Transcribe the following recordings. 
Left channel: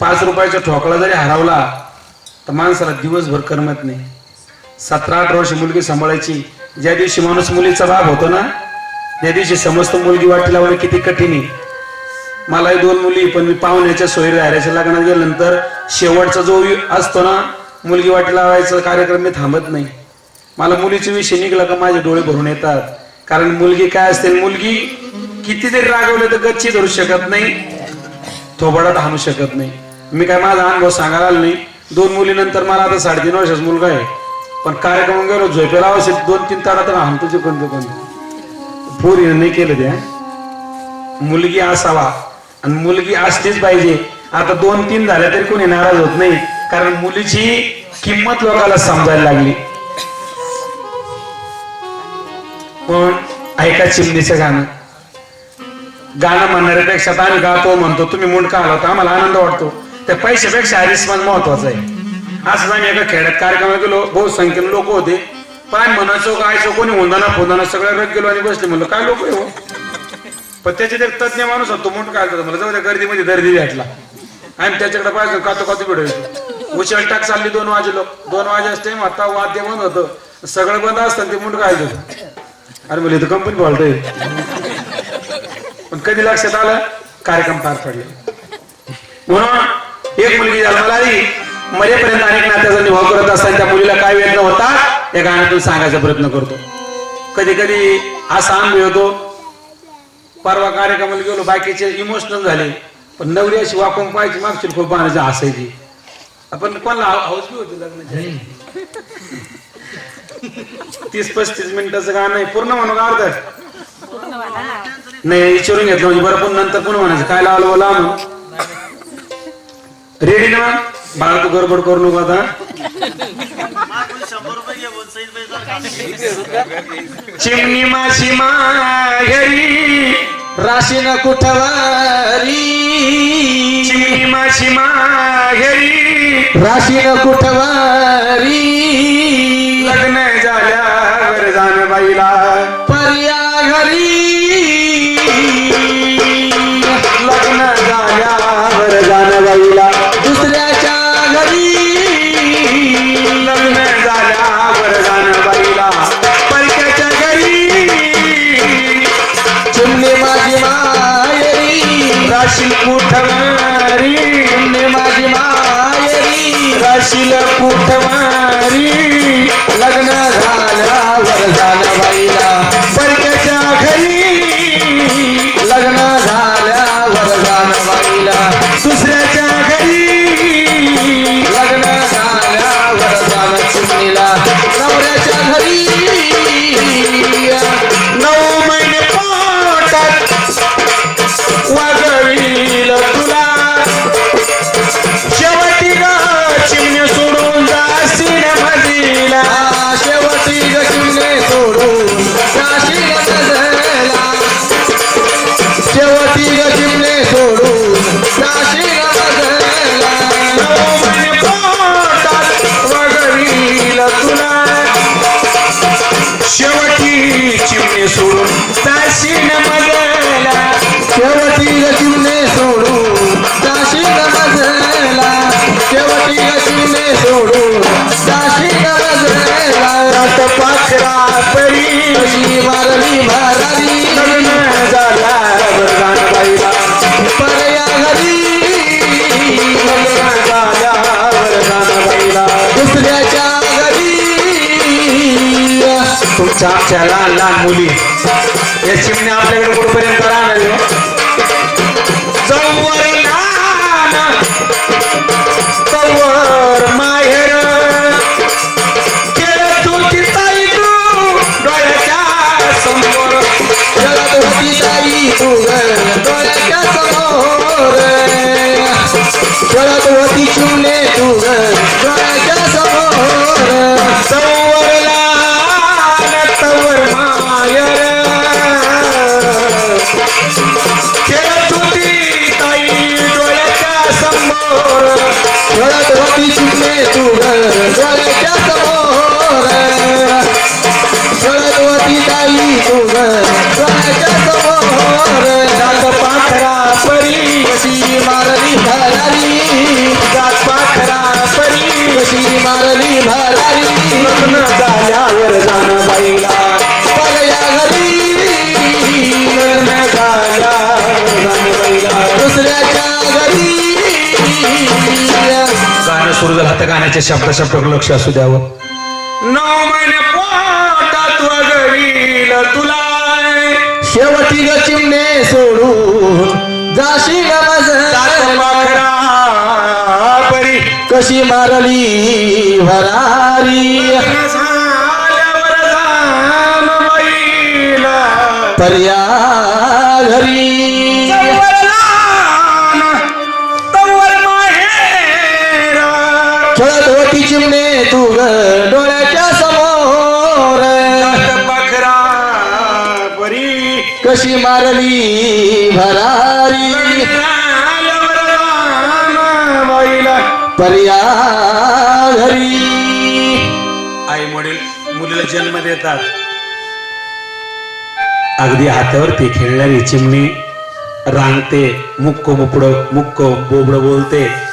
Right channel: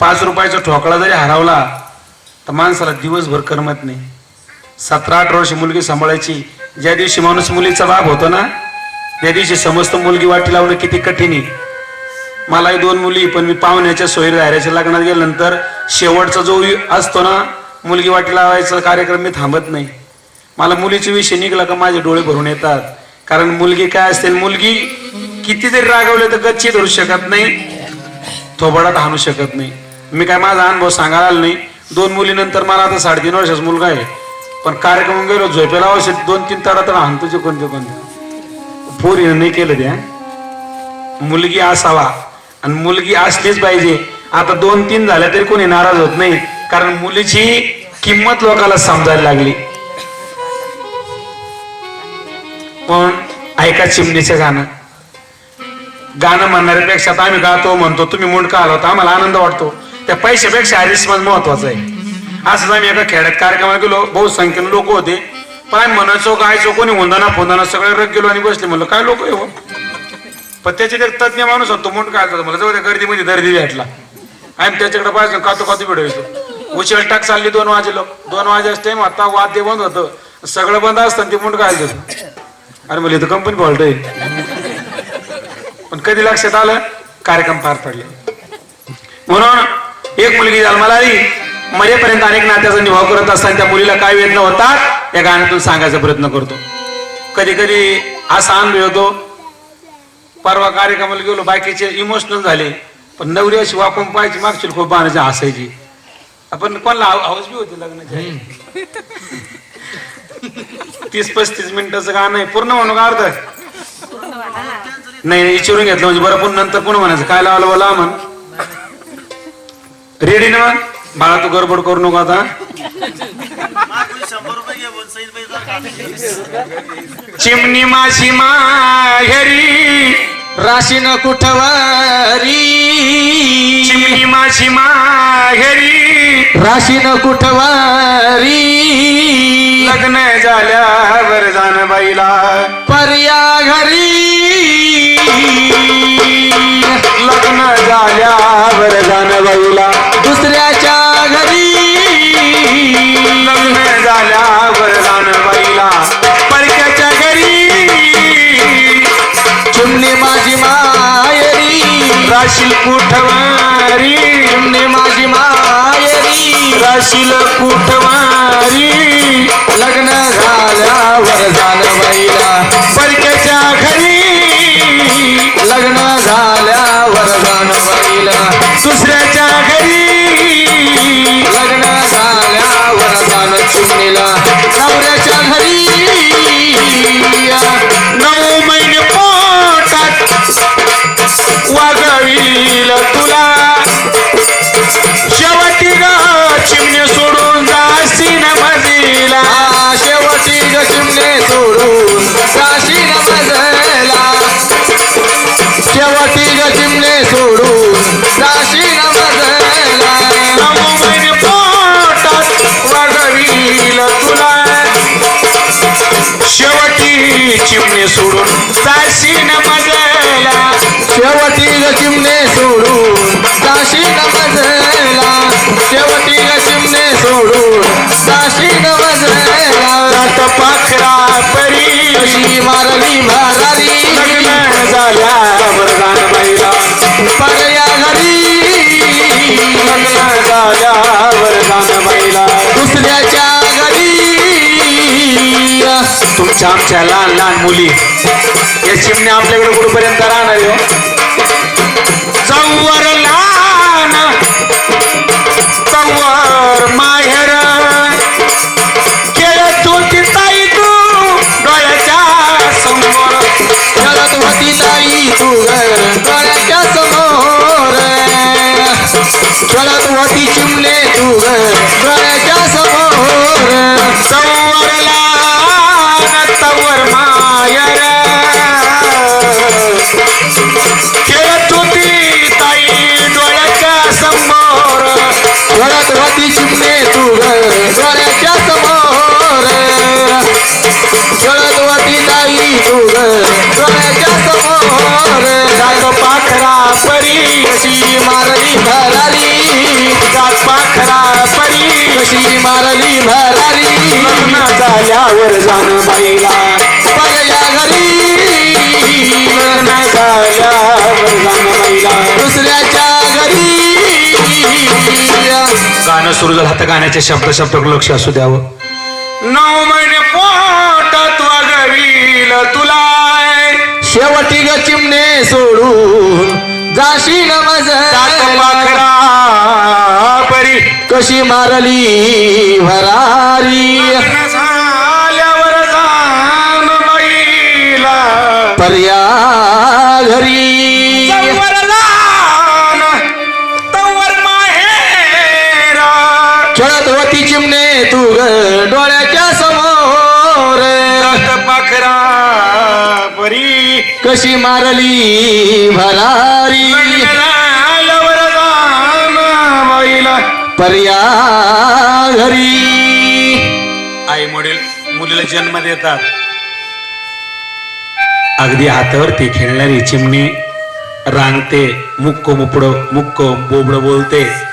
पाच रुपयाचा ठोकळा जरी हरवला तर माणसाला दिवसभर करमत नाही. सतरा अठरा वर्ष मुलगी सांभाळायची. ज्या दिवशी माणूस मुलीचा बाप होतो ना त्या दिवशी समस्त मुलगी वाटी लावणं किती कठीण आहे. मलाही दोन मुली पण मी पाहुण्याच्या सोयी धाऱ्याच्या लग्नात गेल्यानंतर शेवटचा जो असतो ना मुलगी वाटी लावायचा कार्यक्रम मी थांबत नाही. मला मुलीचे विषय निघला का माझे डोळे भरून येतात. कारण मुलगी काय असते मुलगी किती जरी रागवले तर गच्ची धरू शकत नाही थोबाडात हाणू शकत नाही. मी काय माझा अनुभव सांगायला नाही. दोन मुलीनंतर मला आता साडेतीन वर्षाचा मुलगा आहे. पण कार्यक्रम गेलो झोपेला अवश्य दोन तीन तारा तर हाणतो कोणते कोणते. पोरीनं नाही केलं त्या मुलगी असावा आणि मुलगी असलीच पाहिजे. आता दोन तीन झाल्या तरी कोणी नाराज होत नाही. कारण मुलीची किंमत लोकांना समजायला लागली. पण ऐका चिमणीचं गाणं. गाणं म्हणणाऱ्यापेक्षा तर आम्ही गातो म्हणतो तुम्ही मुंडका आला आम्हाला आनंद वाटतो. त्या पैशापेक्षा हरिस्मान महत्वाचं आहे. असं आम्ही एका खेड्यात कार्यक्रमाला गेलो बहुसंख्येन लोक होते. पाय म्हणायचो गायचो कोणी हुंदाना फोंदाना सगळ्या रग गेलो आणि बसले. म्हणलं काय लोक आहे हो? पण त्याच्यात एक तज्ञ माणूस होतो मुंडका आला मला जाऊ त्या गर्दीमध्ये दर्दी भेटला. आम्ही त्याच्याकडे पाहिजे कातो कातो भेटायचो उचल टाक चालली दोन वाजे लोक दोन वाजे टाइम आता वाद्य बंद होतं. सगळं बंद असतं ते मुंडका आलं अरे म्हणजे इथं कंपनी बोलतोय पण कधी लक्षात आलं? कार्यक्रम पार पडले. म्हणून एक मुलगी जन्माला आली. मरेपर्यंत अनेक नात्याचा निभाव करत असताना त्या मुलीला काय वेदना होतात या गाण्यातून सांगायचा प्रयत्न करतो. कधी कधी असा अनुभव होतो. परवा कार्यक्रमाला गेलो बाकीचे इमोशनल झाले. पण नवरी अशी वाकून पाहायची मागची खूप बाणाची हसायची. आपण कोणाला हाऊस बी होती लग्नाची? तीस पस्तीस मिनिटाचं गाणं आहे. पूर्ण म्हणू का अर्ध नाही विचारून घेतलं म्हणजे बरं पण नंतर पुन्हा म्हणायचं? काय लावलं बोला मग रेडी ना? बाळा तू गडबड करू नको आता. चिमणी माशी माघरी राशीन कुठवारी? चिमणी माशी माघरी राशीन कुठवारी? लग्न झाल्यावर जाण बाईला पर्या घरी. लग्न झाल्यावर जाण बाईला राशील कुठवारी माझी मायरी. राशील कुठवारी आमच्या लहान लहान मुली. या चिमण्या आपल्याकडे कुठपर्यंत राहणार आहे हो? गाण्याच्या शब्द शब्द लक्ष असू द्यावं. नऊ महिने पोटात वगवील तुला शेवटी ग चिमणे सोडून जाशी नमज परी. कशी मारली भरारी पर्या घरी. होती चिमणे तू ग डोळ्याच्या समोर. पाखरा परी कशी मारली भरारी. पर्या घरी. आई वडील मुलीला जन्म देतात. अगदी हातावरती खेळणारी चिमणी रांगते मुक्क मुपड मुक्क बोबड बोलते.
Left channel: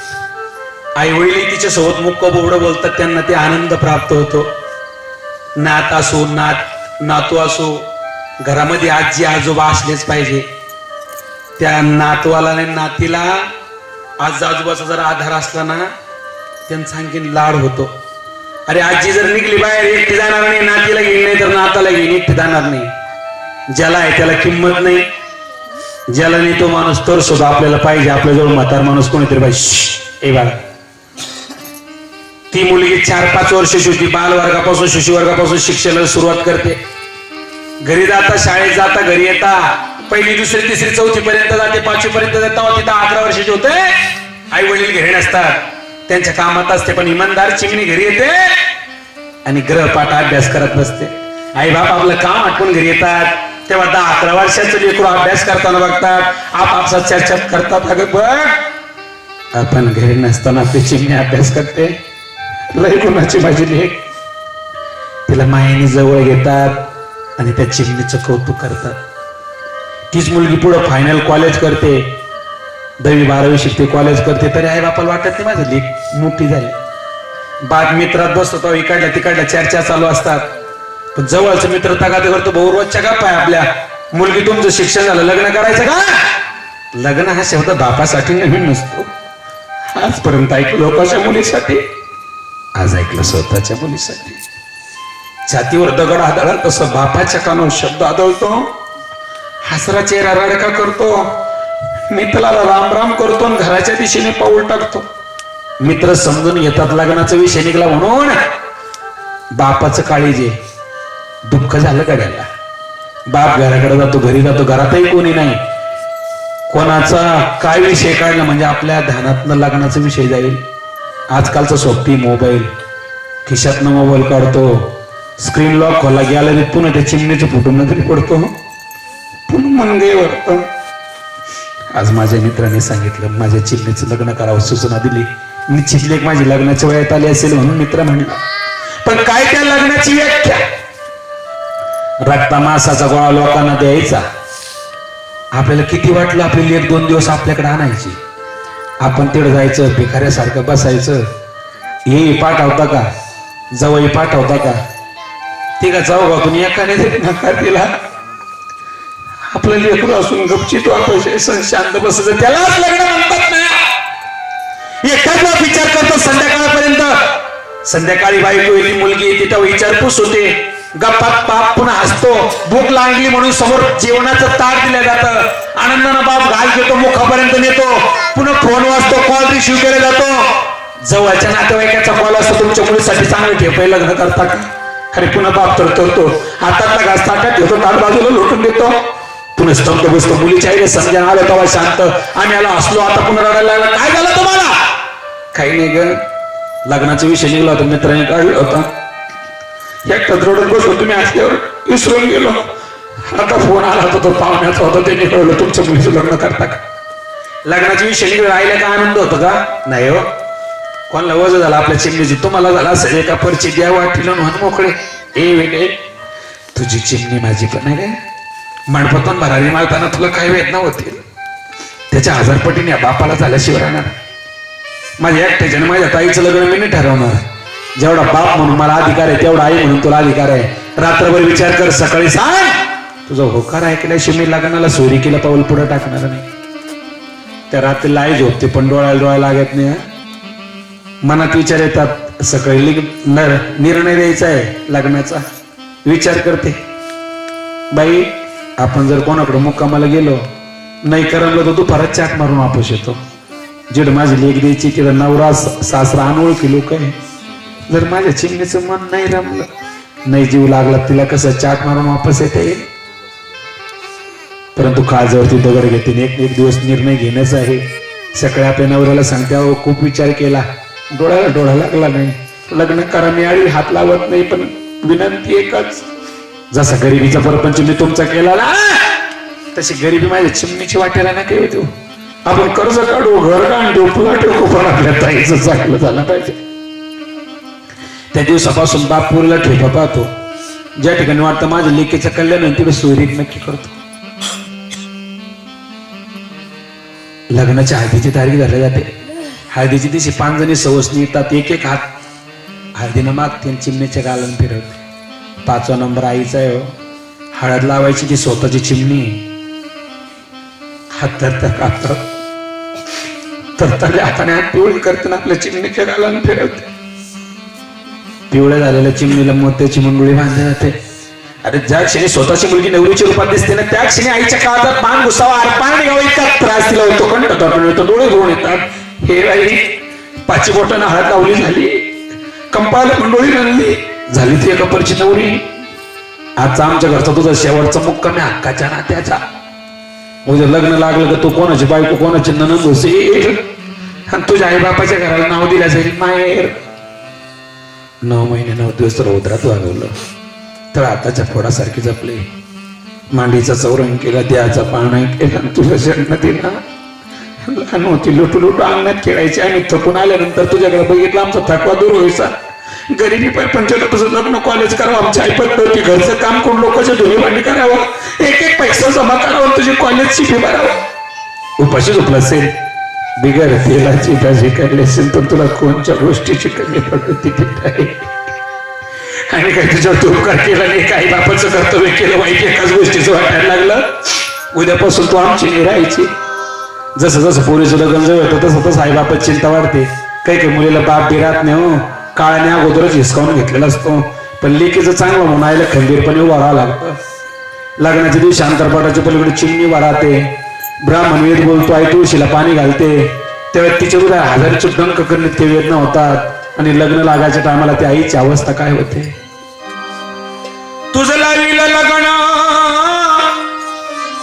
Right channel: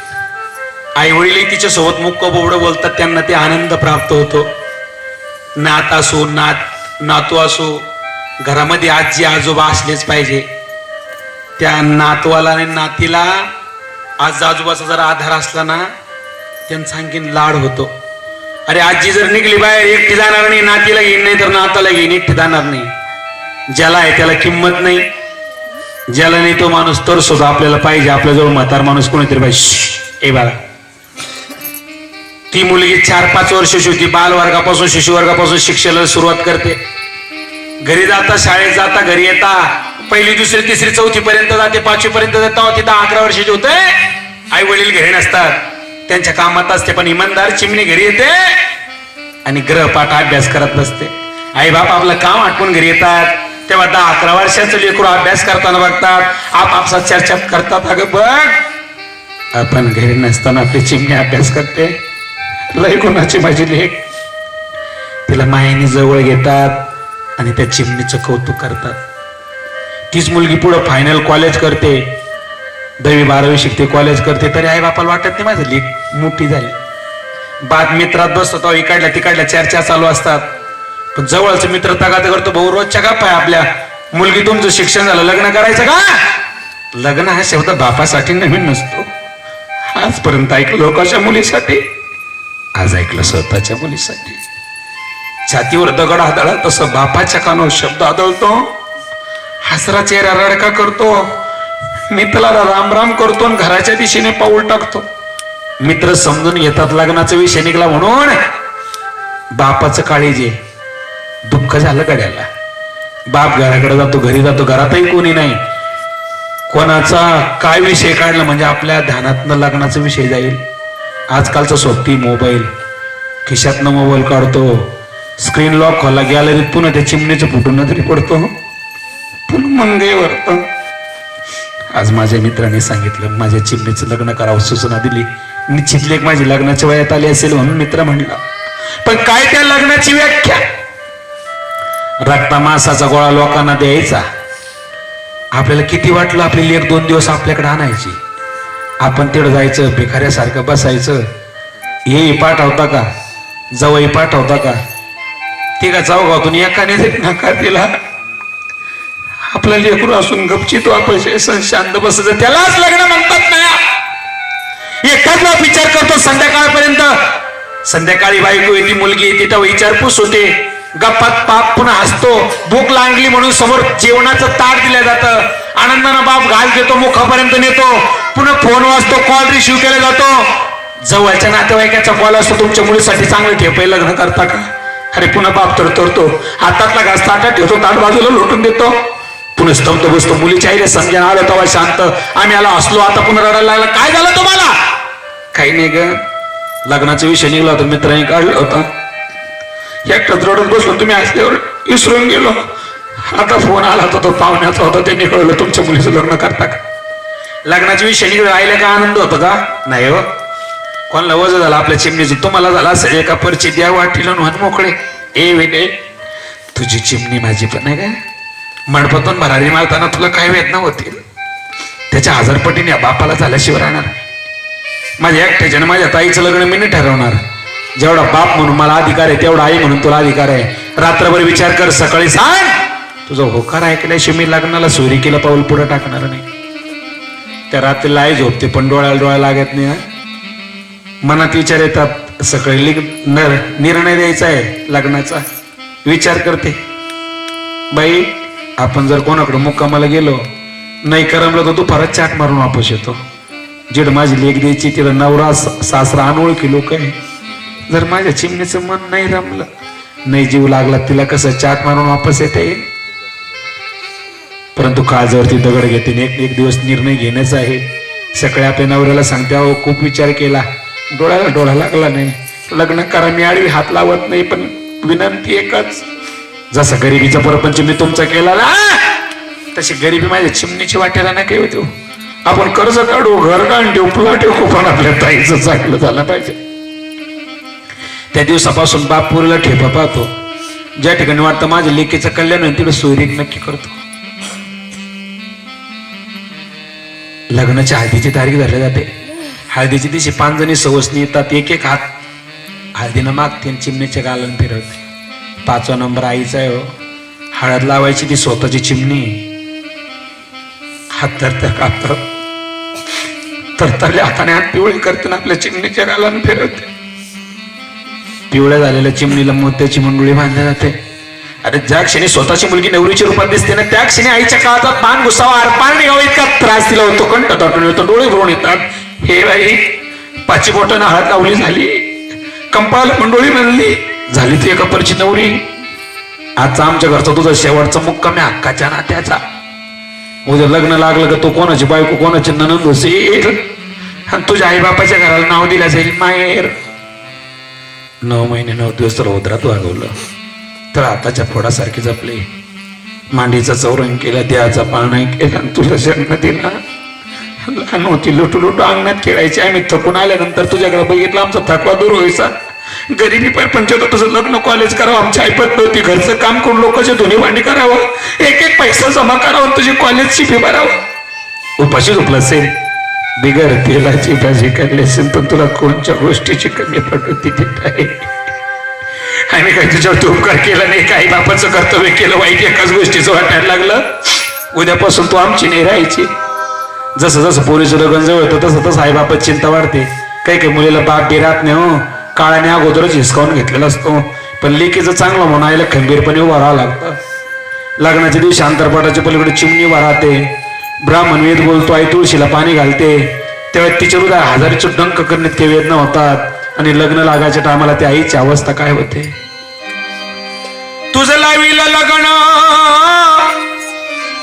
आईवडीलही तिच्या सोबत मुक्क बोबडं बोलतात. त्यांना ते आनंद प्राप्त होतो. नात असो नात नातू असो घरामध्ये आजी आजोबा असलेच पाहिजे. त्या नातवाला आणि नातीला आज आजोबाचा जर आधार असला ना त्यांचा आणखीन लाड होतो. अरे आजी जर निघली बाहेर एकटी जाणार नाही नातीला घेईन नाही तर नाताला घेईन एकटी जाणार नाही. ज्याला आहे त्याला किंमत नाही. ज्याला नाही तो माणूस तर सुद्धा आपल्याला पाहिजे. आपल्याजवळ म्हातार माणूस कोणीतरी पाहिजे. ए बाळा. ती मुलगी चार पाच वर्षाची होती बाल वर्गापासून शिक्षणाला सुरुवात करते. घरी जाता शाळेत जाता घरी येता पहिली दुसरी तिसरी चौथी पर्यंत जाते पाचवी पर्यंत जाता तिथं अकरा वर्षाची होते आई वडील घरी नसतात. त्यांच्या कामात असते पण इमानदार चिमणी घरी येते आणि ग्रहपाठ अभ्यास करत नसते आई बाप आपलं काम आटपून घरी येतात. तेव्हा दहा अकरा वर्षाचं लेकरू अभ्यास करताना बघतात. आपापसात चर्चा करतात. अगं बघ आपण घरी नसताना आपली चिमणी अभ्यास करते. लय कोणाची माझी लेख. तिला मायेने जवळ घेतात आणि त्या चिमणीचं कौतुक करतात. तीच मुलगी पुढं फायनल कॉलेज करते. दहावी बारावी शिकते कॉलेज करते. तरी आई बापाला वाटत नाही माझं लेख मोठी झाली. बाद मित्रात बसतो इकडल्या तिकडल्या चर्चा चालू असतात. पण जवळचं मित्र तगाद करतो भाऊ रोजच्या गप्पा आहे आपल्या. मुलगी तुमचं शिक्षण झालं लग्न करायचं का? लग्न हा शेवटा बापासाठी नवीन नसतो. आजपर्यंत ऐकलं लोकांच्या मुलीसाठी. आज ऐकलं स्वतःच्या मुलीसाठी. छातीवर दगड आदळा तसं बापाच्या कानावर शब्द आदळतो. हसरा चेहरा रडका करतो. मित्राला राम राम करतो आणि घराच्या दिशेने पाऊल टाकतो. मित्र समजून येतात लग्नाचा विषय निघला म्हणून. बापाचं काळीजे दुःख झालं गड्याला. बाप घराकडे जातो घरी जातो घरातही कोणी नाही. कोणाचा काय विषय काढला म्हणजे आपल्या ध्यानातनं लग्नाचा विषय जाईल. आजकालचा सोबती मोबाईल. खिशातनं मोबाईल काढतो. स्क्रीन लॉक खोला गॅलरीत पुन्हा त्या चिमणीच्या फुटून तरी पडतो. पुन्हा मंगे वरतो. आज माझ्या मित्राने सांगितलं माझ्या चिमणीचं लग्न करावं सूचना दिली. निश्चित लेख माझी लग्नाच्या वयात आली असेल म्हणून मित्र म्हणला. पण काय त्या लग्नाची व्याख्या? रक्ता मासाचा गोळा लोकांना द्यायचा. आपल्याला किती वाटलं आपली लेख दोन दिवस आपल्याकडे आणायची? आपण तिकडे जायचं भिकाऱ्यासारखं बसायचं. हे पाठवता का? जवळ पाठवता का? तिला जाऊ गातून एकाने एखाद्यासाठी नकार दिला. आपलं लेकरू असून गपचित आपण शांत बसायचं. त्यालाच लग्न म्हणतात ना. एकटाच विचार करतो संध्याकाळपर्यंत. संध्याकाळी बायको येते मुलगी येते तेव्हा विचारपूस होते. गप्पात बाप पुन्हा हसतो भूक लागली म्हणून समोर जेवणाचं ताट दिलं जातं. आनंदानं बाप घाल घेतो मुखापर्यंत नेतो. पुन्हा फोन वाजतो कॉल रिसिव्ह केला जातो. जवळच्या नातेवाईकाचा कॉल असतो तुमच्या मुलीसाठी चांगलं ठेपाय लग्न करता का? अरे पुन्हा बाप तर तरतो हातातला घास ताटात ठेवतो ताट बाजूला लोटून देतो. पुन्हा स्तंभ बसतो मुलीच्या आईला समजा आलं तेव्हा शांत. आम्ही आला असलो आता पुन्हा रडायला लागला. काय झालं तुम्हाला? काही नाही ग. लग्नाचा विषय निघला होता मित्राने काढला होता. एकटाच रडून बसलो तुम्ही असल्यावर विसरून गेलो. आता फोन आला होता तो पाहुण्याचा होता त्यांनी कळलं तुमच्या मुलीचं लग्न करता का? लग्नाच्या विषय निघला राहिला का आनंद होतो का? नाही हो. कोणाला वजन झाला आपल्या चिमणीची तुम्हाला झाला असेल एका परची द्या वाटीला म्हणून मोकळे. ए वेगळे तुझी चिमणी माझी पण आहे काय? मणपतून भरारी मारताना तुला काय वेदना होतील? त्याच्या हजारपटीने या बापाला झाल्याशिवाय राहणार. माझ्या एकट्याच्यानं माझ्या ताईचं लग्न मी नाही ठरवणार. जेवढा बाप म्हणून मला अधिकार आहे तेवढा आई म्हणून तुला अधिकार आहे. रात्रभर विचार कर सकाळी सांग. तुझा होकार ऐकल्याशिवाय मी लग्नाला सोरी केला पाऊल पुढे टाकणार नाही. त्या रात्रीला आई झोपते पण डोळ्याला डोळा लागत नाही मनात विचार येतात सकाळी लिग- निर्णय द्यायचा आहे लग्नाचा. विचार करते. बाई आपण जर कोणाकडे मुक्कामाला गेलो नाही करमलं तर दुपारात चाक मारून वापस येतो. जिड माझी लेख द्यायची तिला नवरा सासरा अनोळखी लोक आहे. जर माझ्या चिमणीचं मन नाही रमलं नाही जीव लागला तिला कसं चाक मारून वापस येता येईल? परंतु काळजावरती दगड घेते एक एक दिवस निर्णय घेण्याचा आहे. सकाळी आपल्या नवऱ्याला सांगते अहो खूप विचार केला. डोळ्याला डोळा लागला नाही. लग्न करा मी आळी हात लावत नाही पण विनंती एकच. जसा गरिबीचा परपंच मी तुमचा केला ना तशी गरिबी माझ्या चिमणीची वाटेला ना काही देऊ. आपण कर्ज काढू घर काढून ठेवू पुला ठेवू पण आपल्या ताईचं चांगलं झालं पाहिजे. त्या दिवसापासून बाप पुरीला ठेपा पाहतो. ज्या ठिकाणी वाटतं माझ्या लेकीचं कल्याण होईल तिकडे सोयरीक नक्की करतो. लग्नाच्या हळदीची तारीख धरली जाते. हळदीची दिवशी पाच जणी सवसनी येतात एक एक हात. हळदीनं मागते चिमणीच्या गालन फिरवते. पाचवा नंबर आईचा आहे हो. हळद लावायची ती स्वतःची चिमणी. हात तर कापतात. तर त्या हाताने हात पिवळी करते ना आपल्या चिमणीच्या गालन फिरवते. पिवळ्या झालेल्या चिमणीला मोत्याची मंगळी बांधली जाते. अरे ज्या क्षणी स्वतःची मुलगी नवरीच्या रूपात दिसते ना त्या क्षणी आईच्या काळात पान घुसावा अरे पान निघावा इतका त्रास दिला होतो. कंठ दाटून येतो डोळे रोण येतात. हे बाई पाची बोटानं हात लावली झाली. कंपाला मंडोळी म्हणली झाली ती एका परची नवरी. आजचा आमच्या घरचा तुझा शेवटचा मुक्काम आहे हक्काच्या नात्याचा. उद्या लग्न लागलं का तू कोणाची बायको कोणाची ननंद होशील आणि तुझ्या आई बापाच्या घराला नाव दिलं जाईल माहेर. नऊ महिने नऊ दिवस रौद्रात वागवलं. तर आताच्या फोडासारखी जपली. मांडीचा चौरंग केला देहाचा पाळणा केला तुझ्या जन्म लहान होती लुटू लुटू अंगणात खेळायची आम्ही थकून आल्यानंतर तुझ्याकडे बघितलं आमचा थकवा दूर व्हायचा. गरिबी परपंच पंचायत तुझं लग्न कॉलेज करावं आमची ऐपत नव्हती घरचं काम करून लोकांची धुणी भांडी करावं एक एक पैसा जमा करावं तुझी कॉलेजची फी भरावं. उपाशी झोपला असेल. बिगर तेलाची भाजी करली असेल तर तुला कोणत्या गोष्टीची कमी प्रकृती होती आहे? काय आणि काय तुझ्यावर तू उपकार केला नाही? काही बापाचं कर्तव्य केलं वाईट एकाच गोष्टीचं वाटायला लागलं. उद्यापासून तू आमची नाही राहायची. जसं जसं पोलीस लग्न जवळ होतं तसं तसं आई बापाची चिंता वाढते. काही काही मुलीला बाप बी राहत नाही हो. काळाने अगोदरच हिसकावून घेतलेला असतो. पण लेकीचं चांगलं म्हणून आईला खंबीरपणे उभा राहावं लागतं. लग्नाच्या दिवशी अंतरपाटाच्या पलीकडे चिमणी उभा राहते ब्राह्मण वेद बोलतो आई तुळशीला पाणी घालते. तेव्हा तिच्या हृदय हजारीचे डंक करण्यात ते वेदना होतात आणि लग्न लागायच्या टायमाला त्या आईची अवस्था काय होते? तुझं लावील लग्न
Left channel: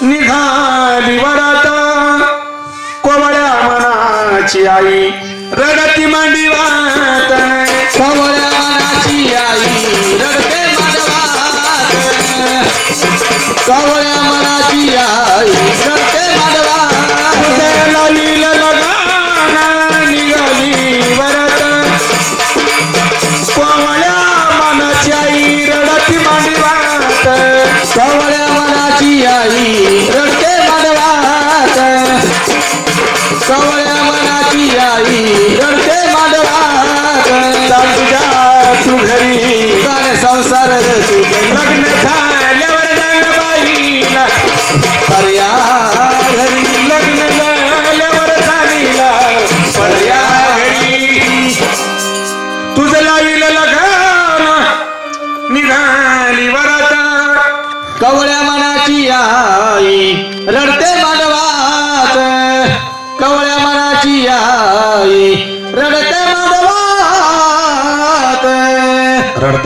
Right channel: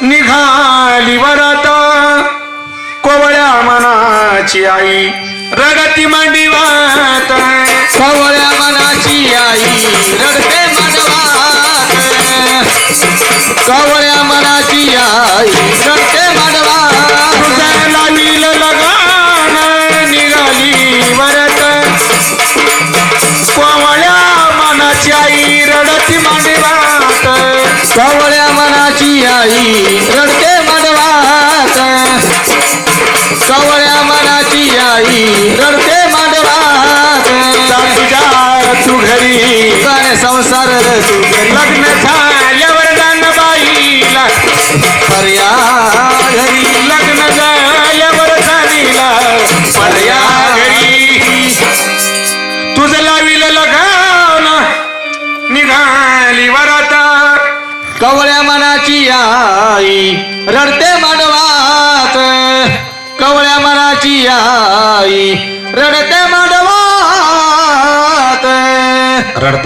निघाली वरात कोवळ्या मनाची आई रडती मांडी वात कवळ्या मनाची आई रडते मांडवात रडती मांडी वाट. कवळ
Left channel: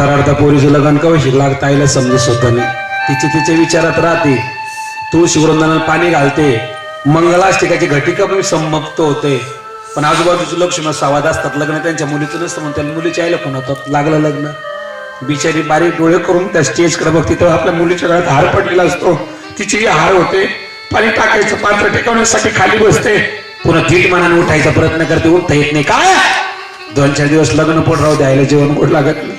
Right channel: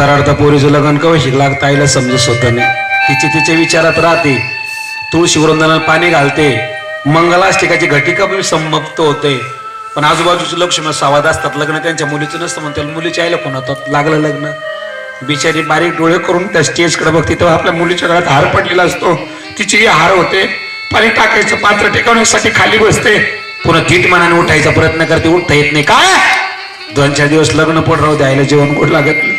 रडता रडता पोरीचं लग्न कवशी लागता आईला समजू स्वतः नाही. तिचे तिच्या विचारात राहते. तुळशी वृंदाला पाणी घालते. मंगलाष्टिकाची घटिका पण संमक्त होते. पण आजूबाजूचे लक्ष्मण सावाद असतात. लग्न त्यांच्या मुलीचं नसतं म्हणतात मुलीच्या आईला फोन होतात. लागलं लग्न. बिचारी बारीक डोळे करून त्या स्टेजकडे बघते. तेव्हा आपल्या मुलीच्या गळ्यात हार पडलेला असतो. तिची हार होते. पाणी टाकायचं पात्र टेकवण्यासाठी खाली बसते. पुन्हा थीट मनाने उठायचा प्रयत्न करते. उठता येत नाही. काय? दोन चार दिवस लग्न पण राहू द्यायला जेवण गोड लागत नाही.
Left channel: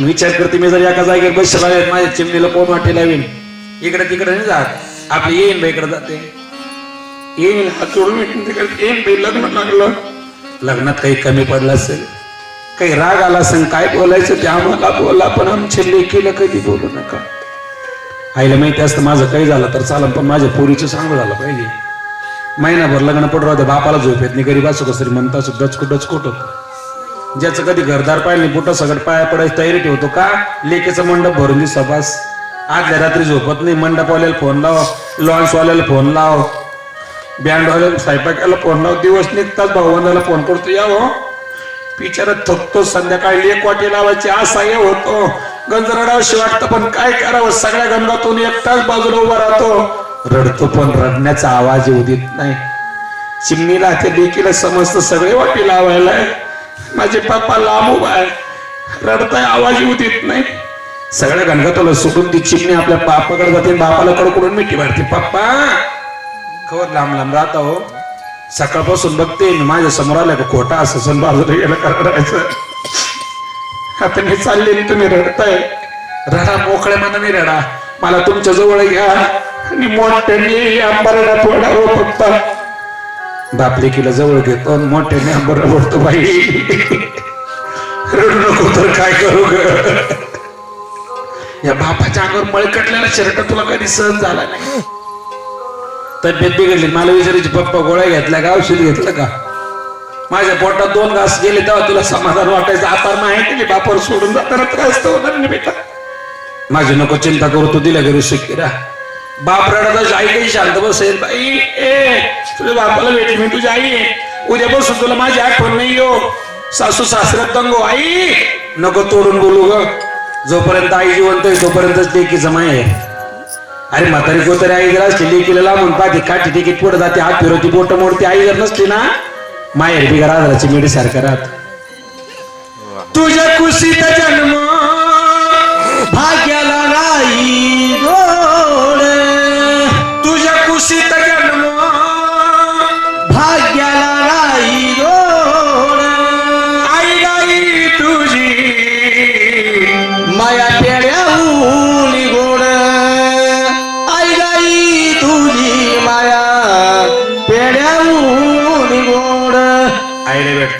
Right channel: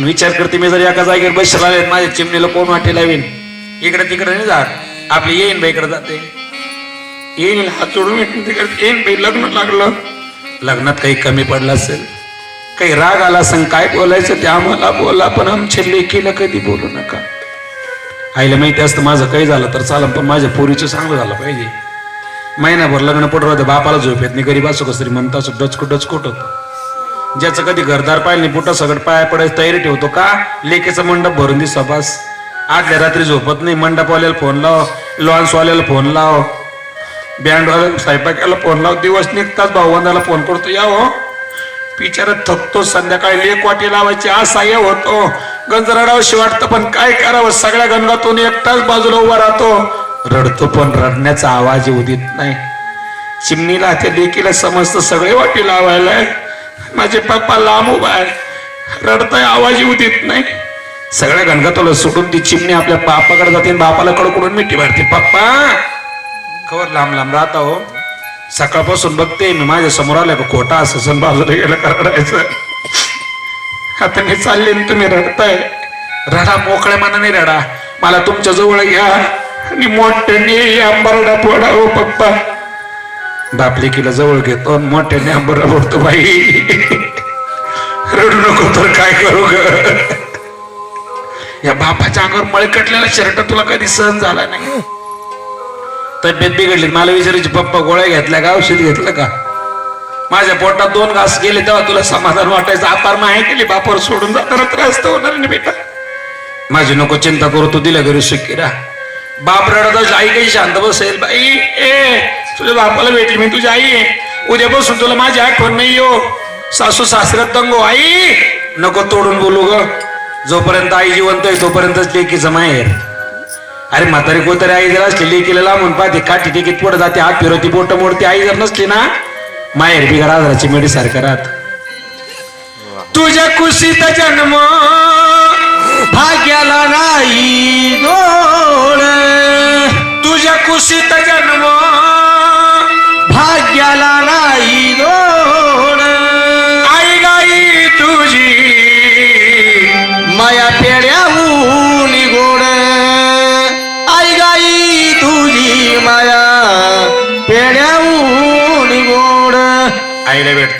विचार करते मी जर एका जागेवर बसला माझ्या चिमणीला कोण वाटे येईन इकडे तिकडे नाही जात. आपली येईन बाई इकडे जाते. येईन हात जोडून येईन तिकडे येईन बाई लग्न लागलं. लग्नात काही कमी पडलं असेल. काही राग आला असेल काय बोलायचं ते आम्हाला बोला पण आमच्या लेकीला कधी बोलू नका. आईला माहिती असतं माझं काही झालं तर चालं पण माझ्या पोरीचं चांगलं झालं पाहिजे. महिनाभर लग्न पडू राहते बापाला झोप येत नाही गरीब असो कसरी म्हणता असो डचकोट डचकोट होतं. ज्याचं कधी घरदार पाय नाही पुढं सगळं पाया पडायची तयारी ठेवतो का? लेकेचा मंडप भरून दे सभास. आदल्या रात्री झोपत नाही मंडपवाल्याला फोन लाव लॉन्सवाल्याला फोन लाव. बँडवाल्याला स्वयंपाकाला फोन लाव दिवस निघताच भाऊबंदाला फोन करतो या हो. बिचारा थकतो संध्याकाळी एक वाटी लावायची असहाय्य होतो. गंजराडावशी वाटतं पण काय करावं? सगळ्या गंगातून एकटाच बाजूला उभा राहतो. रडतो पण रडण्याचा आवाज येऊ देत नाही. चिमणीला त्या लेकीला समजतं सगळे वाटी लावायला माझे पप्पा लांब उभा आहे. रडताय आवाज येऊ देत नाही. सगळ्या गणगतोला सुटून ती चिमणी आपल्या बापाकडे जाते आणि बापाला कडकडून मिठी मारते. पप्पा! खबर लांब लांब राहता हो. सकाळपासून बघते मी माझ्यासमोर आलं का खोटा असं सण बाजूला गेलं करायचं आता मी चालले तुम्ही रडताय. रडा मोकळ्या मनाने रडा. मला तुमच्या जवळ घ्या आणि मोठ्याने आंबारडा थोडा हो पप्पा. बापले किला जवळ घेतो आणि मोठ्याने आंबारडा फोडतो बाई. रडू नको तर काय करू ग? या बापाच्या अंगावर मळकटलेला शर्ट तुला कधी सहन झाला नाही. तब्येत बिघडली मला विचारायची पप्पा गोळ्या घेतल्या का? औषध घेतलं का? माझ्या पोटात दोन घास गेले तेव्हा तुला समाधान वाटायचं. आता माहिती केली बापावर सोडून जाताना त्रास तर होणार नाही बेटा. माझी नको चिंता करू तू दिला घरी सुखीरा बाप रडत आई काही शांत बसेल. बाई ए तुझ्या बापाला भेटली मी तुझी आई. उद्यापासून तुला माझी आठवण नाही हो. सासू सासऱ्यात दंगो. आई नको तोडून बोलू ग. जोपर्यंत आई जिवंत आहे तोपर्यंतच लेकीचं माहेर. अरे म्हातारी कोतरी आई जर असली लेकीला लांबून पाहते काठी टिकीत पुढे जाते हात फिरवती बोट मोडते आई जर नसली ना माहेर बिगर आधाराची मेडी सारखं राहत. तुझ्या कुशीत जन्म भाग्याला राई गो.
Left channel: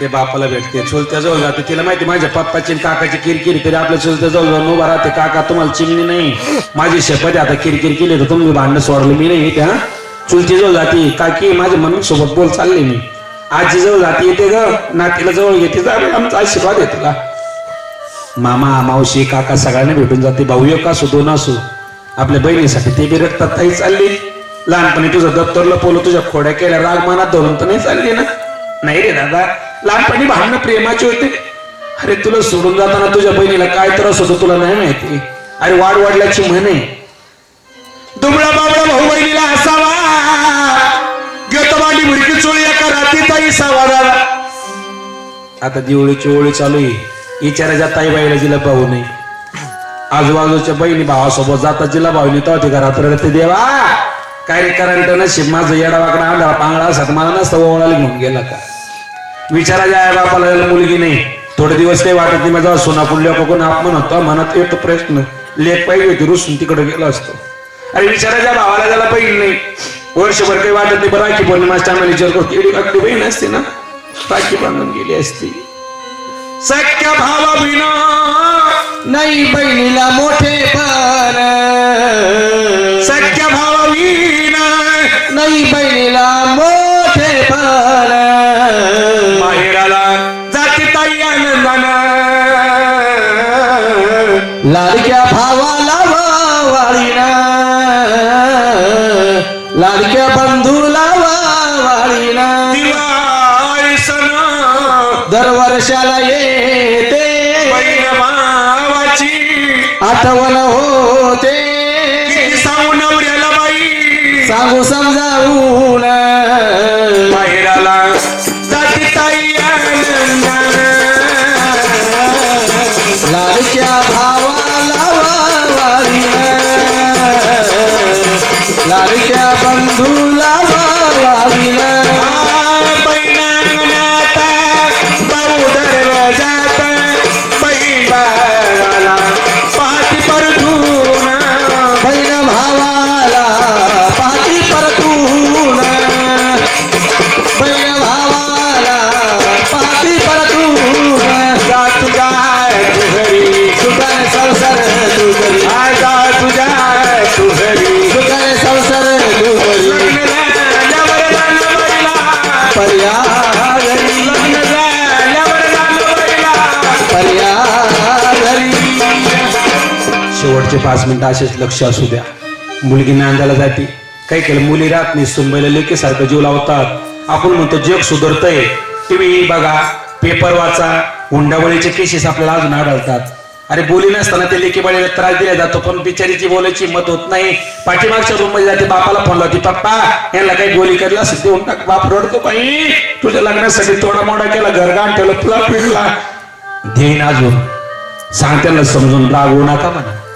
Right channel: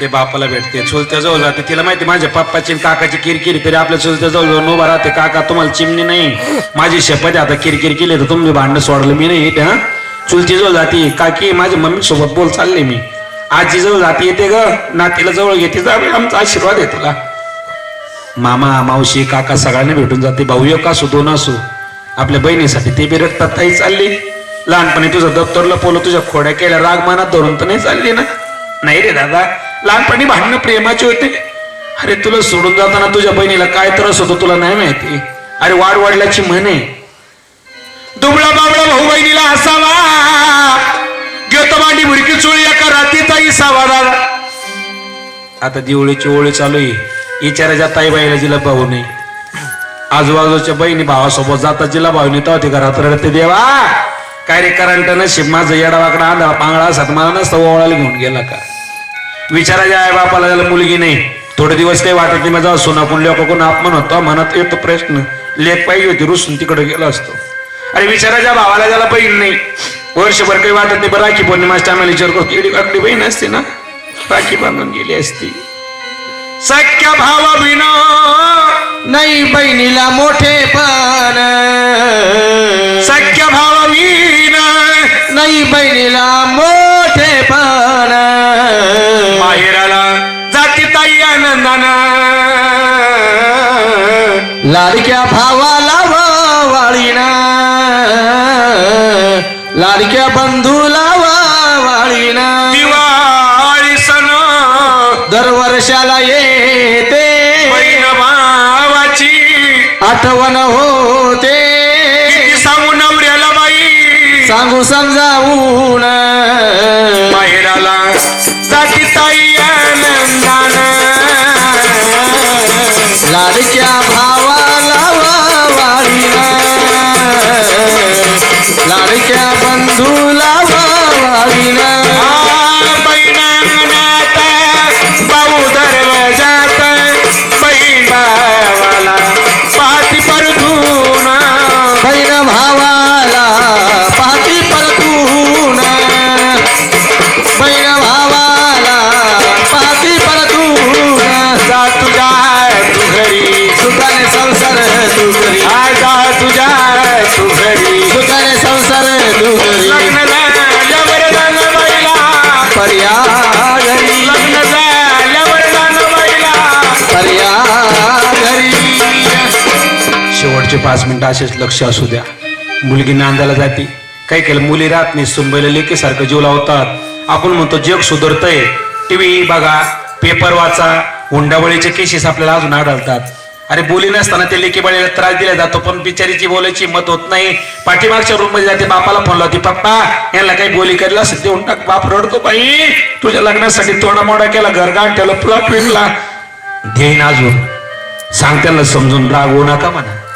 भेटते बापाला भेटते. चुलत्या जवळ जाते तिला माहिती माझ्या पप्पाची काकाची किरकिर तरी आपल्या चुलत्या जवळ जाऊन उभा राहते. काका तुम्हाला चिमणी नाही. माझी शपथ आहे, आता किरकिर केली तर तुम्ही भांडण सोडलं मी नाही त्या चुलती जवळ जाते. काकी माझ्या मम्मी सोबत बोल चालले मी. आजी जवळ जाते येते ग. नातीला जवळ घेते आमचा आशीर्वाद आहे तुला. मामा मावशी काका सगळ्यांना भेटून जाते. भाऊ एक असो दोन असो. आपल्या बहिणीसाठी ते बी रक्तात ताई चालली. लहानपणी तुझं दप्तरला पोलं तुझ्या खोड्या केल्या राग मनात धरून तर नाही चालली ना? नाही रे दादा. लहानपणी भांडणं प्रेमाचे होते. अरे तुला सोडून जाताना तुझ्या बहिणीला काय त्रास होतो तुला नाही माहिती? अरे वाढ वाढल्याची म्हणे. दुबळा बाबळा भाऊ बहिणीला असावा घेतो मांडी मुरकी चोळी एका रात्रीचा इसावा आता दिवळीची ओळी चालू आहे. इचाराच्या ताई बाईला जिला भाऊ नाही आजूबाजूच्या बहिणी भावासोबत जातात जिला भाऊ तेव्हा ते घरात रडते देवा काय रे करंट नशीब? माझं येडावाकडा आंधळा पांगळा असत नसतं ओळाला घेऊन गेला का? विचाराच्या आई बापाला त्याला मुलगी नाही. थोडे दिवस काही वाटत नाही माझा सोना पुल्ल्या कोण अपमान होता मनात येतो प्रश्न लेख पाहिजे होती रुसून तिकडे गेलो असतो. अरे विचाराच्या भावाला त्याला बहीण नाही. वर्षभर काही वाटत नाही बरं राखी पौर्णिमाच्या आम्हाला विचार करतो. एवढी आपली बहीण असते ना राखी बांधून गेली असती. सख्या भावा विना नाही बहिणीला मोठे पण सख्या भावा विना नाही बहिणीला लाडक्या भावाला वाळीना लाडक्या बंधूला वाळीना दिवाळी सण. दरवर्षाला येते. बहीण भावाची. आठवण होते. सांगू नवऱ्याला बाई. सांगू समजावून. माहेराला जाती ताई आनंदानं. लाडक्या भावाला पाच मिनिटं असेच लक्ष असू द्या. मुलगी नांदायला जाते. काय केलं? मुली राहत नाही. सुनबाईला लेकीसारखं जीव लावतात. आपण म्हणतो जग सुधारतंय. टीव्ही बघा पेपर वाचा हुंडाबळीचे केसेस आपल्याला अजून आढळतात. अरे बोली नसताना ते लेकीबाळीला त्रास दिला जातो पण बिचारीची बोलायची मत होत नाही. पाठीमागच्या रूममध्ये जाते बापाला फोन लावते पप्पा यांना काही बोली करला देऊन टाक बाप रडतो बाई. तुझ्या लग्नासाठी थोडा मोडा केला घरगाण ठेवलं प्लॉट विकला देईन अजून. सांग त्यांना समजून रागवू नका म्हणा.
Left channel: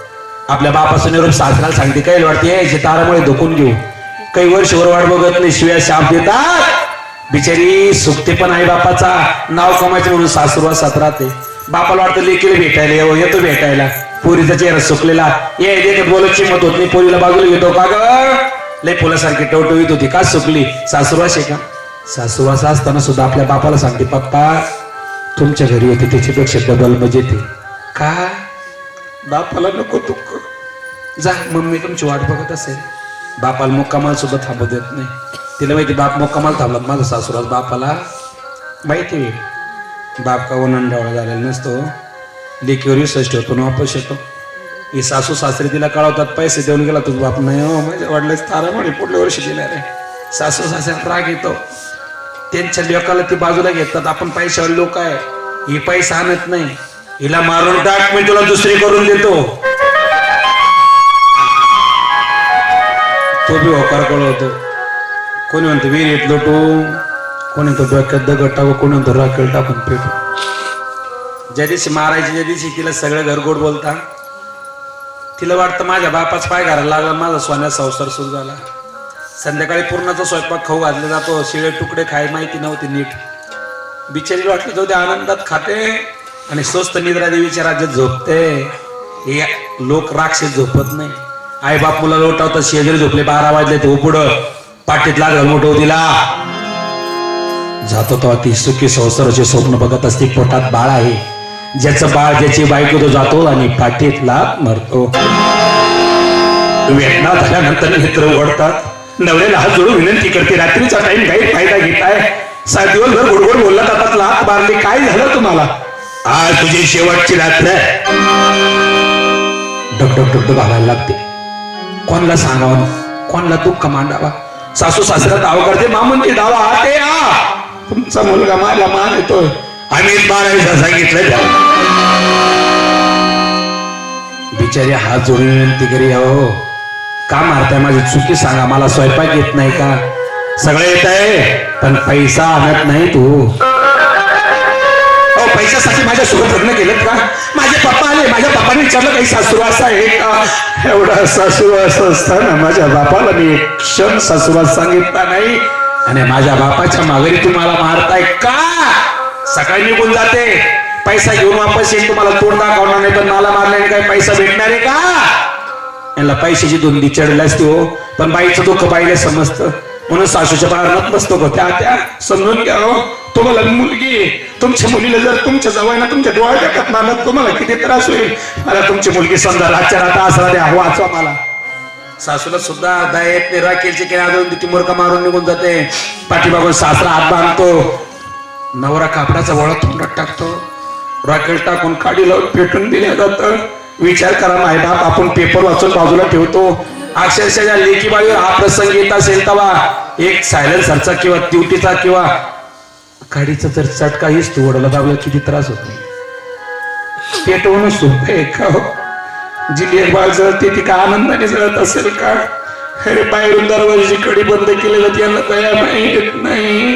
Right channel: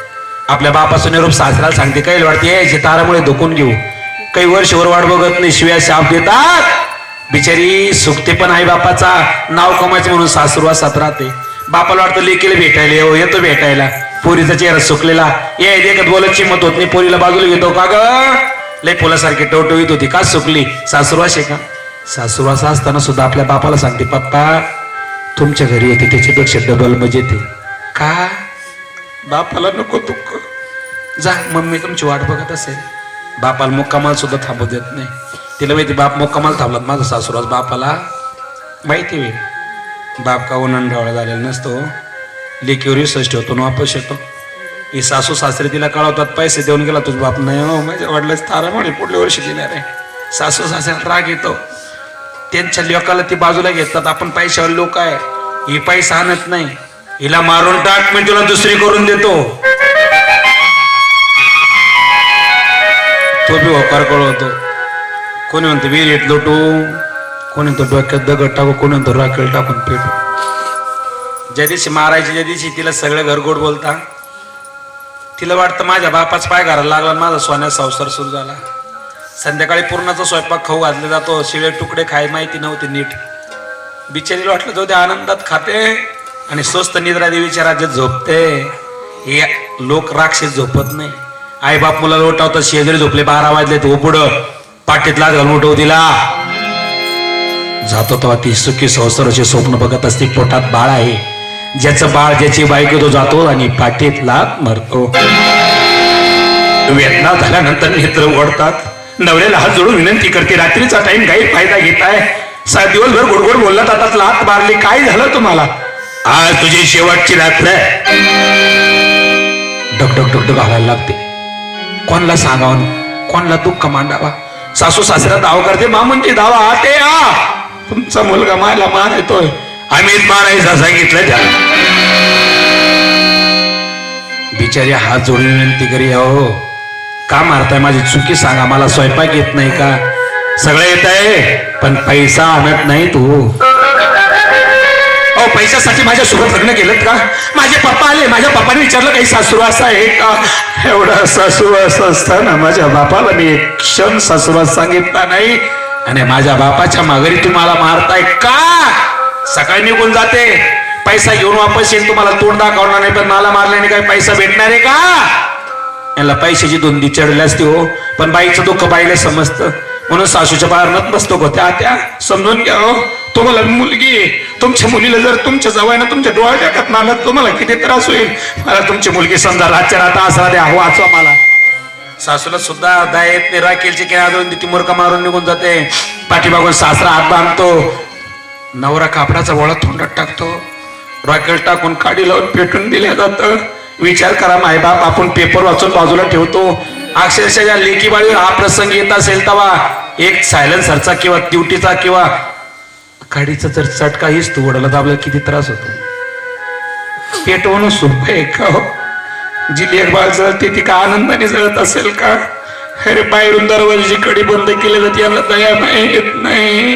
आपल्या बापाचं निरोप सासऱ्याला सांगते काही वाटते यायचे तारामुळे धोकून घेऊ. काही वर्षभर वाट बघत नाही शिव्या शाप देतात. बिचारी सुखते पण आई बापाचा. नाव कमायचं म्हणून सासुरवासात राहते. बापाला वाटतं लेकीला भेटायला येऊ येतो भेटायला. पोरीचा चेहरा सुकलेला. ये देखत बोलत मत होत नाही पोरीला बाजूला घेतो का ग? लय फुलासारखी टवटवीत होती का सुकली? सासूरवास आहे का? सासूरवास असताना सुद्धा आपल्या बापाला सांगते पप्पा तुमच्या घरी येते त्याच्यापेक्षा डबल मजेत का? बापाला नको दुःख. जा मम्मी तुमची वाट बघत असेल. बापाला मुक्कामाल सुद्धा थांबू देत नाही. तिला माहिती बाप मुक्कामाल थांबला माझा सासूराज. बापाला माहिती होईल बाप का ओनंडावळा झालेला नसतो. लेकीवर विश्वास ठेवतो वापस येतो. ही सासू सासरे तिला कळवतात पैसे देऊन गेला तुझ बाप. नाही हो माझ्या वडिलाच तारा म्हणे पुढल्या वर्षी दिल्या रे सासू सासऱ्याला राग येतो. त्यांच्या लोकाला ती बाजूला घेतात. आपण पैशावर लोक आहे. ही पैसा आणत नाही. हिला मारून टाक मी तुला दुसरी करून देतो. तो बी होकार कळवतो कोणी म्हणतो विहिरीत लोटू. कोणी म्हणतो डोक्यात दगड टाकू. कोणी म्हणतो राखेल टाकून पेटू ज्या दिवशी मारायची ज्या दिवशी तिला सगळं घरगोड बोलता तिला वाटतं माझ्या बापाच पाय घालायला लागला माझा सोन्या संसार सुरू झाला. संध्याकाळी पूर्णाचा स्वयंपाक खाऊ घातला जातो शिळे तुकडे खाय माहिती नव्हती नीट. बिचारीला वाटलं जाऊ दे आनंदात खाते. आणि स्वस्त निद्रा देवीच्या राज्यात झोपते. हे लोक राक्षस झोपत नाही. आई बाप मुला लोटावतात शेजारी झोपले बारा वाजले तो पुढं पाठीत लाग मोठं दिला जातो तेव्हा ती सुखी संसाराचे स्वप्न बघत असते पोटात बाळ आहे. ज्याचं बाळ ज्याची बायको तो जातो आणि पाठीत लात मरतो. वेदना झाल्यानंतर मित्र ओढतात. नवऱ्याला हात जोडून विनंती करते रात्रीचा टाइम काही फायदा घेताय. सा दिवसभर गोडगोड बोलला आता लात मारली. काय झालं तुम्हाला? आज तुझी शेवटची रात्र आहे. डगडग डगडग घालायला लागते. कोणला सांगावं कोणला दुःख मांडावा? सासू सासऱ्या दावा करते. मामूंची दावा आते आ. तुमचा मुलगा मला मान येतोय आम्ही मारायचा सांगितलं त्या बिचारी हात जोडून विनंती करी अहो. का मारताय? माझी चुकी सांगा. मला स्वयंपाक येत नाही का? सगळं येत आहे पण पैसा आणत नाही तू. पैशासाठी माझ्या सोबत लग्न केलं का? माझे पप्पा आले माझ्या पप्पाने विचारलं काही सासूरवास आहे का? एवढा सासूरवास असताना माझ्या बापाला मी एक क्षण सासूरवास सांगितला नाही. आणि माझ्या बापाच्या माघारी तुम्हाला मारताय का? सकाळी निघून जाते. पैसा घेऊन वापस येईल तुम्हाला तोंड दाखवणार नाही तर मला मारल्याने काय पैसा भेटणार आहे का? याला पैशाची दोन विचारले असते हो. पण बाईचं दुःख बाईला समजतं. म्हणून सासूच्या बाहेर नत बसतो त्या त्या समजून घ्या हो. तुम्हाला मुलगी तुमच्या मुलीला जर तुमच्या जवळ तुमच्या डोळ्या टाकत मारला तुम्हाला किती त्रास होईल? मला तुमची मुलगी समजा रातच्या रात असा द्या. हो, वाचवा मला. सासूला सुद्धा दायत राखेलची काय आदळून ती मुरका मारून निघून जाते. पाठीमागून सासरा हात बांधतो. नवरा कापडाचा वळा तोंडात टाकतो. रॉकेल टाकून काडी लावून पेटून दिल्या जातं. विचार करा माय बाप आपण पेपर वाचून बाजूला ठेवतो. अक्षरशः या लेखी बाळी हा प्रसंग येत असेल तेव्हा एक सायलेन्सरचा किंवा ट्युटीचा किंवा गाडीचा जर चटका हीच तू वडला दाबला किती त्रास होतो. पेटवणं सोपं आहे का हो? जी लेखबाळ जळते ती का आनंदाने जळत असेल का? अरे बाहेरून दरवाजाची कडी बंद केली जाते याला दया नाही येत नाही.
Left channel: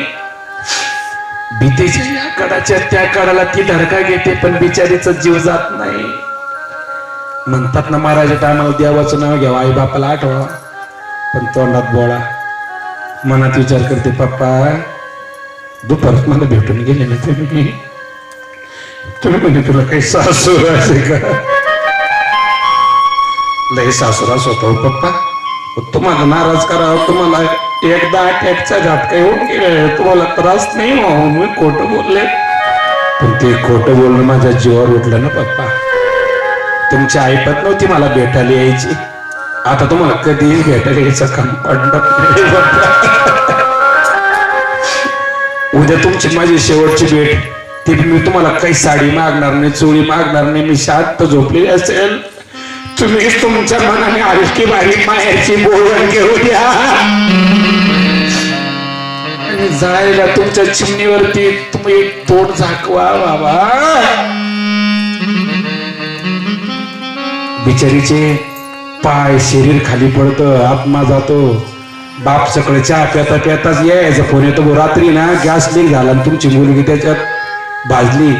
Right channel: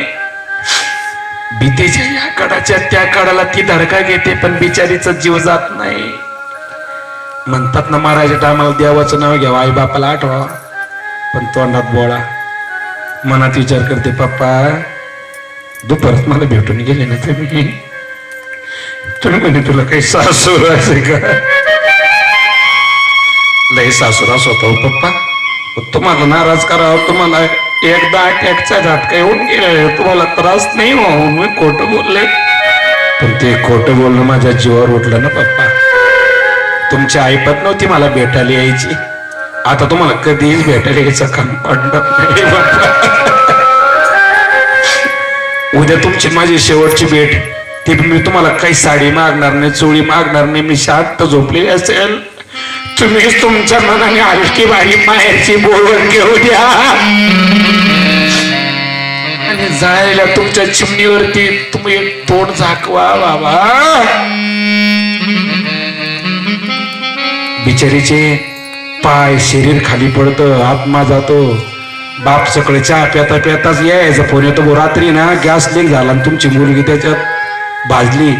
भीतीच्या या कडाच्या त्या कडाला ती धडका घेते पण बिचारीचा जीव जात नाही. म्हणतात ना महाराज टायमाला देवाचं नाव घ्यावं आई बापाला आठवा. पण तोंडात बोळा. मनात विचार करते पप्पा दुपारात मला भेटून गेले ना तुम्ही? तुम्ही म्हणजे तुला काही सासूर असे का? लय सासूरा स्वतः पप्पा. तुम्हाला नाराज करावं तुम्हाला एकदा अटॅकचा झटका येऊन गेला. तुम्हाला त्रास नाही हो मी खोटं बोलले. पण ते खोटं बोलणं माझ्या जीवावर उठलं ना पप्पा. तुमची आईपत नव्हती मला भेटायला यायची. आता तुम्हाला कधीही भेटायला यायचं काम पडणार उद्या तुमची माझी शेवटची भेट. ती मी तुम्हाला काही साडी मागणार नाही चोळी मागणार नाही मी शांत झोपली असेल. तुम्ही तुमच्या मनाने हलकी बारी माहेरची बोलवण घेऊ द्या. आणि जायला तुमच्या चिमणीवरती तुम्ही एक तोंड झाकवा बाबा. बिचारीचे पाय शरीर खाली पडतं आत्मा जातो. बाप सकाळी चहा प्याता प्याताच यायचं. फोन येतो भाऊ, रात्री ना गॅस लीक झाला आणि तुमची मुलगी त्याच्यात भाजली.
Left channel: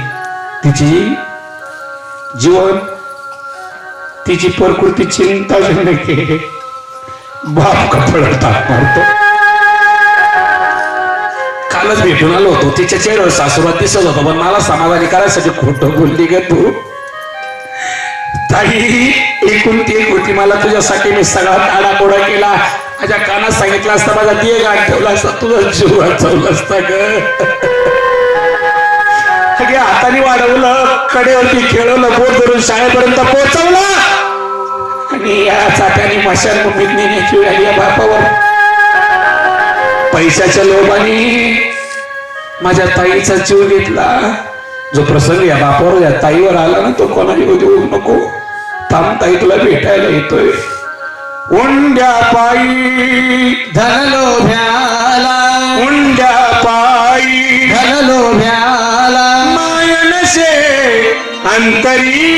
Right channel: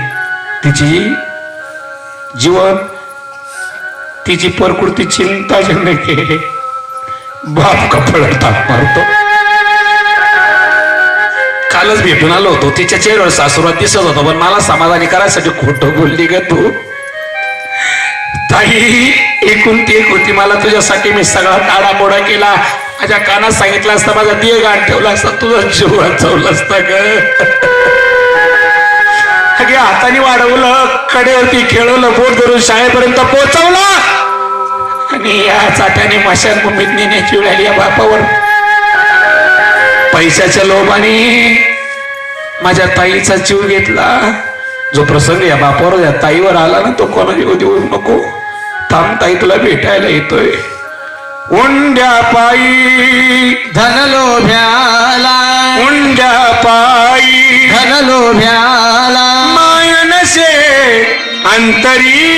तिची जीवन तिची प्रकृती चिंताजनक आहे. बाप कपड ताप मारतो. कालच भेटून आलो होतो. तिच्या चेहऱ्यावर सासुरात दिसत होता पण मला समाधानी करायसाठी खोटं बोलली ग तू. ताई एकूण ती एक मला तुझ्यासाठी मी सगळा ताडापोडा केला. माझ्या कानात सांगितलं असता माझा दिय गाठ ठेवला असता तुझा जीव वाचवला असता ग. अगे हाताने वाढवलं कडेवरती खेळवलं बोट धरून शाळेपर्यंत पोहोचवलं. आणि या चाट्याने मशान भूमीत नेण्याची वेळ आली या बापावर. पैशाच्या लोभाने माझ्या ताईचा जीव घेतला. जो प्रसंग या बापावर या ताईवर आला ना तो कोणाला येऊ देऊ नको. थांब ताई तुला भेटायला येतोय. उंड्या पायी. धन लोभ्याला उंड्या पायी. धन लोभ्याला मायनसे अंतरी.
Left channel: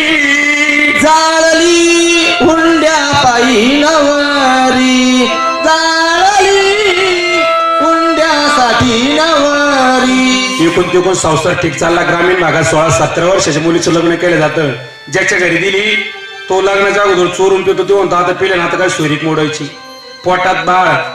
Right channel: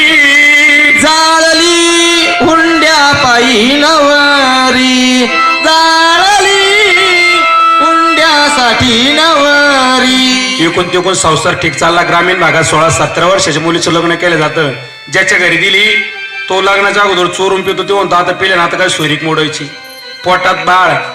जाळली हुंड्या पायी नवरी. जाळली हुंड्यासाठी नवरी. एकूण तिकून संसार ठीक चालला. ग्रामीण भागात सोळा सतरा वर्षाच्या मुलीचं लग्न केलं जातं. ज्याच्या घरी दिली तो लग्नाच्या अगोदर चोरून पितो ते म्हणतो आता पिले ना आता काय सोयरीक मोडायची? पोटात बाळ.